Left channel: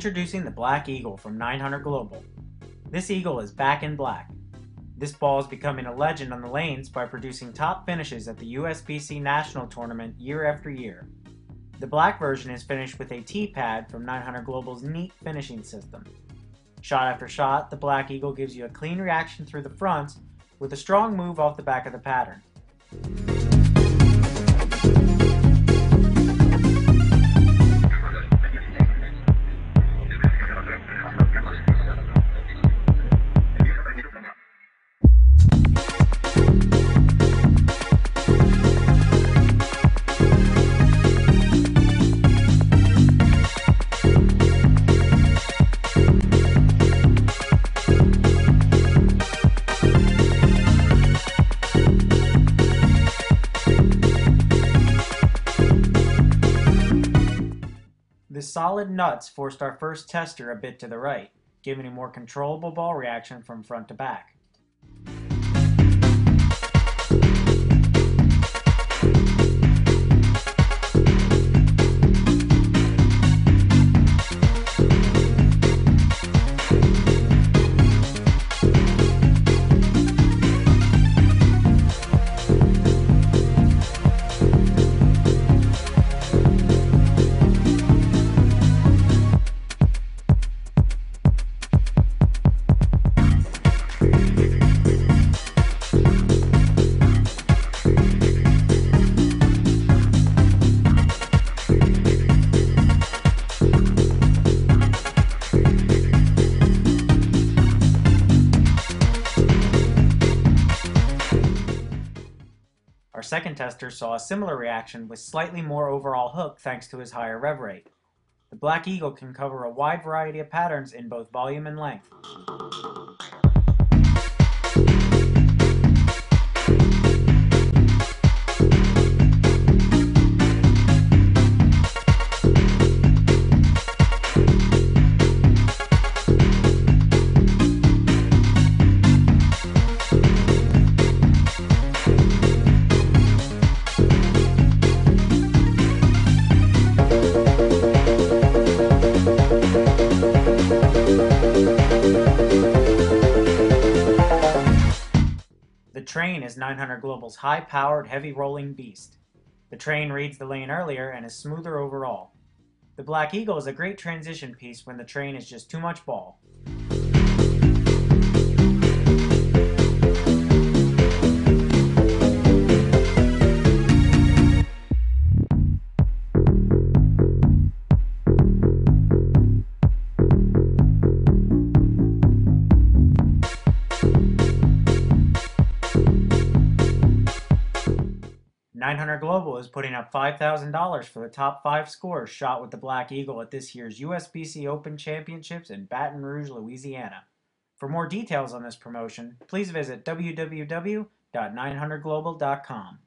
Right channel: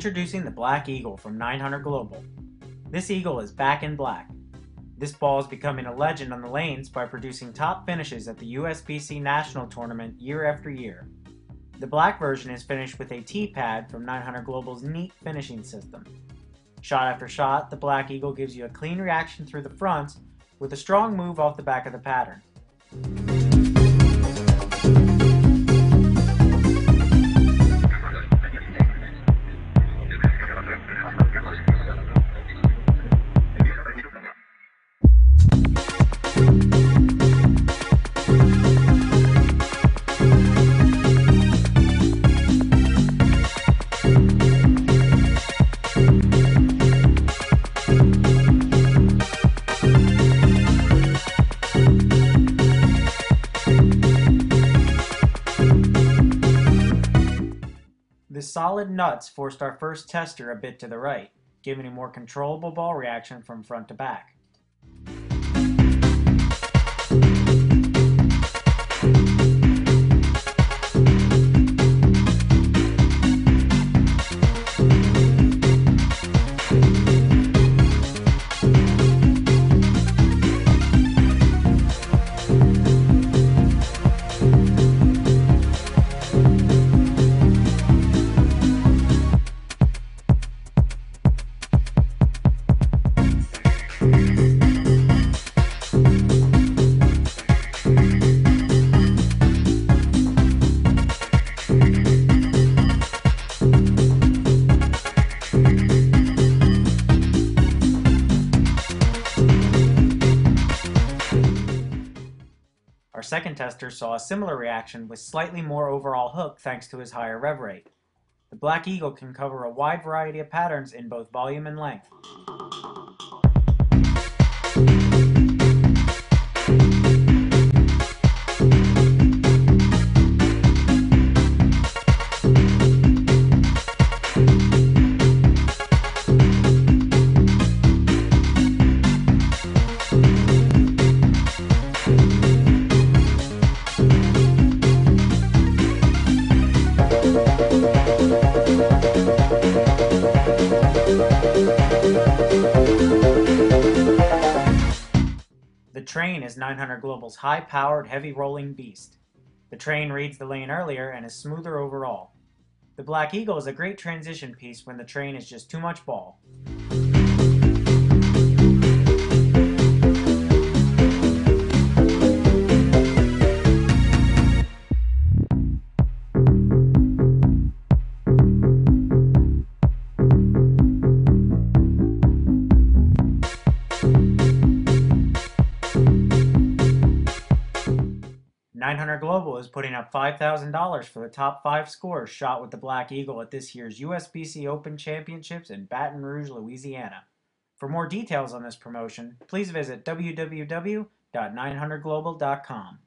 Introducing the Black Eagle from 900 Global. This eagle is back in black. This ball is becoming a legend on the lanes by producing top finishes at the USBC National Tournament year after year. The black version is finished with a T-pad from 900 Global's neat finishing system. Shot after shot, the Black Eagle gives you a clean reaction through the fronts with a strong move off the back of the pattern. The solid nuts forced our first tester a bit to the right, giving a more controllable ball reaction from front to back. Our second tester saw a similar reaction with slightly more overall hook thanks to his higher rev rate. The Black Eagle can cover a wide variety of patterns in both volume and length. The Train is 900 Global's high-powered, heavy-rolling beast. The Train reads the lane earlier and is smoother overall. The Black Eagle is a great transition piece when the Train is just too much ball. $900 Global is putting up $5,000 for the top 5 scores shot with the Black Eagle at this year's USBC Open Championships in Baton Rouge, Louisiana. For more details on this promotion, please visit www.900global.com.